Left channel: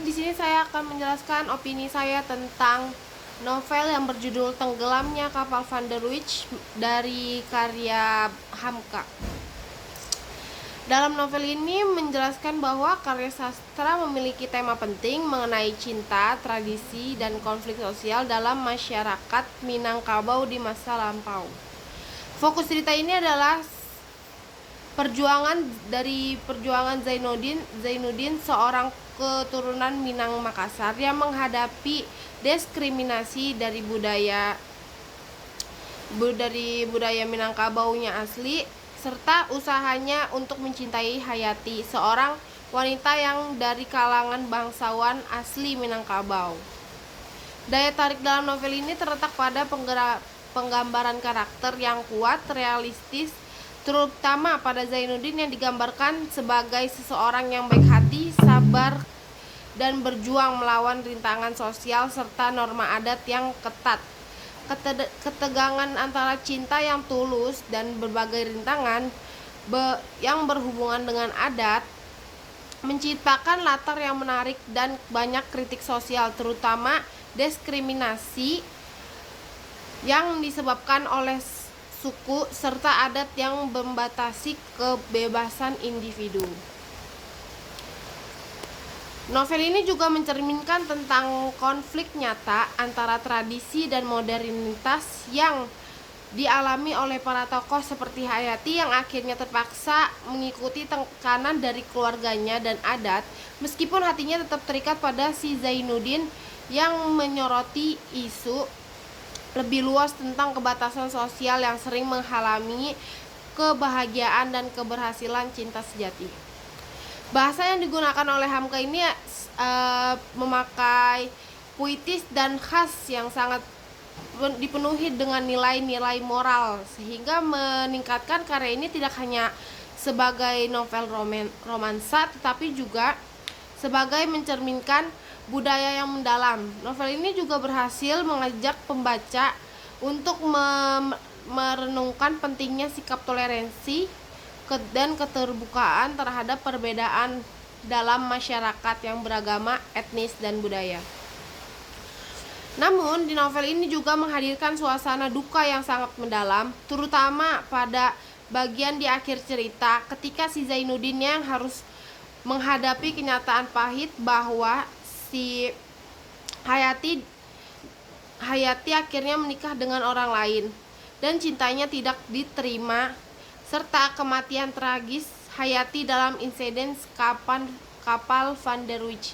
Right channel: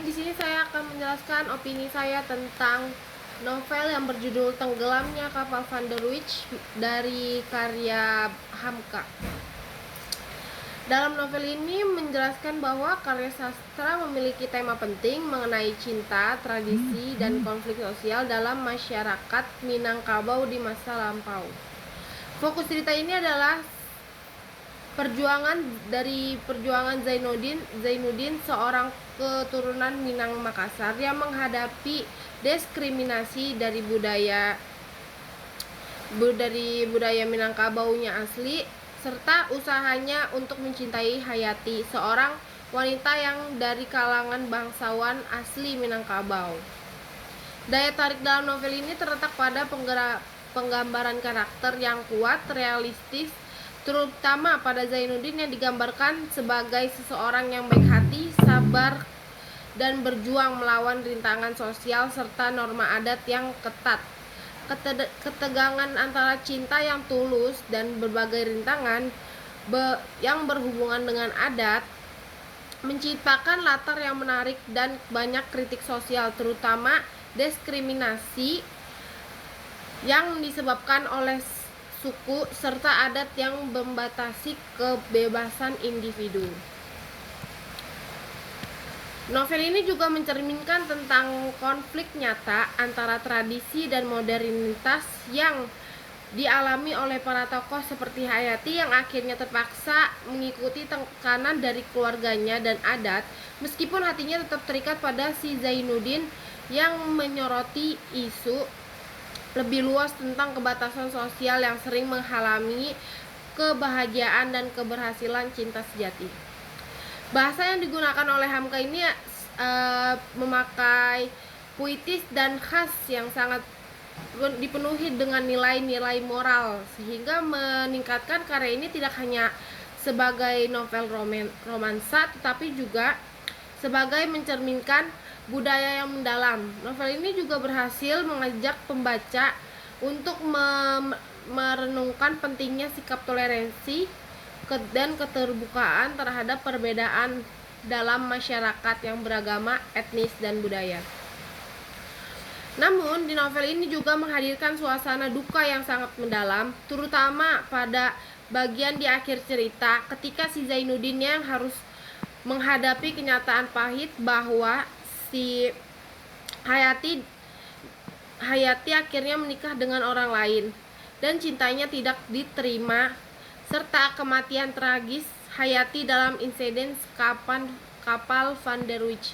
Baik, di sini saya akan menjelaskan opini saya tentang novel yang berjudul Tenggelamnya Kapal Van der Wijk dari karya Hamka. Dalam novel ini menjelaskan bahwa karya sastra memiliki tema penting mengenai cinta, tradisi, dan konflik sosial dalam masyarakat Minangkabau di masa lampau. Fokus cerita ini adalah perjuangan Zainuddin, seorang keturunan Minang Makassar yang menghadapi diskriminasi dari budaya Minangkabaunya asli, serta usahanya untuk mencintai Hayati, seorang wanita yang dari kalangan bangsawan asli Minangkabau. Daya tarik dalam novel ini terletak pada penggambaran karakter yang kuat, realistis, terutama pada Zainuddin yang digambarkan sebagai seseorang yang baik hati, sabar, dan berjuang melawan rintangan sosial serta norma adat yang ketat. Ketegangan antara cinta yang tulus dan berbagai rintangan yang berhubungan dengan adat menciptakan latar yang menarik dan banyak kritik sosial, terutama diskriminasi yang disebabkan oleh suku serta adat yang membatasi kebebasan individu. Novel ini juga mencerminkan tentang konflik nyata antara tradisi dan modernitas yang dialami oleh para tokoh seperti Hayati yang akhirnya terpaksa mengikuti tekanan dari keluarganya dan adat, meskipun hatinya tetap terikat pada si Zainuddin yang menyoroti isu lebih luas tentang kebatasan sosial yang sering menghalangi kebahagiaan dan keberhasilan cinta sejati. Bahasa yang digunakan oleh Hamka ini memakai puitis dan khas yang sangat dipenuhi dengan nilai-nilai moral, sehingga meningkatkan karya ini tidak hanya sebagai novel romansa, tetapi juga sebagai mencerminkan budaya yang mendalam. Novel ini juga berhasil mengajak pembaca untuk merenungkan pentingnya sikap toleransi dan keterbukaan terhadap perbedaan dalam masyarakat yang beragama, etnis, dan budaya. Namun, di novel ini juga menghadirkan suasana duka yang sangat mendalam, terutama pada bagian di akhir cerita ketika si Zainuddin yang harus menghadapi kenyataan pahit bahwa si Hayati akhirnya menikah dengan orang lain dan cintanya tidak diterima, serta kematian tragis Hayati dalam insiden kapal Van der Wijk.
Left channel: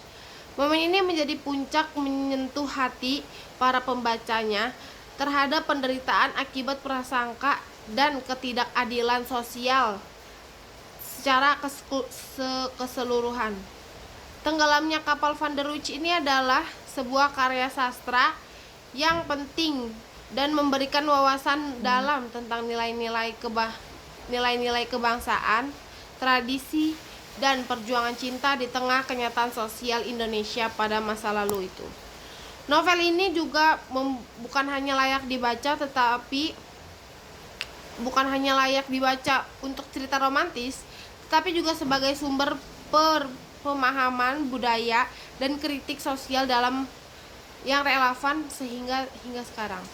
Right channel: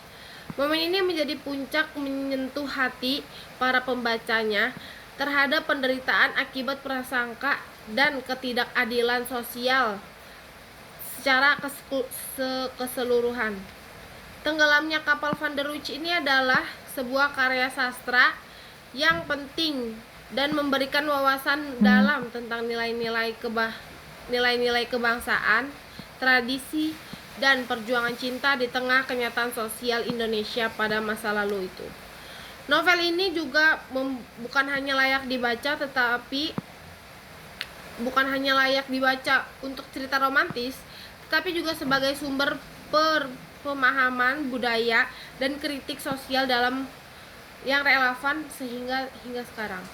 Momen ini menjadi puncak menyentuh hati para pembacanya terhadap penderitaan akibat prasangka dan ketidakadilan sosial secara keseluruhan. Tenggelamnya kapal Van der Wijk ini adalah sebuah karya sastra yang penting dan memberikan wawasan dalam tentang nilai-nilai kebangsaan, tradisi, dan perjuangan cinta di tengah kenyataan sosial Indonesia pada masa lalu itu. Novel ini juga bukan hanya layak dibaca untuk cerita romantis, tetapi juga sebagai sumber pemahaman budaya dan kritik sosial dalam yang relevan hingga sekarang.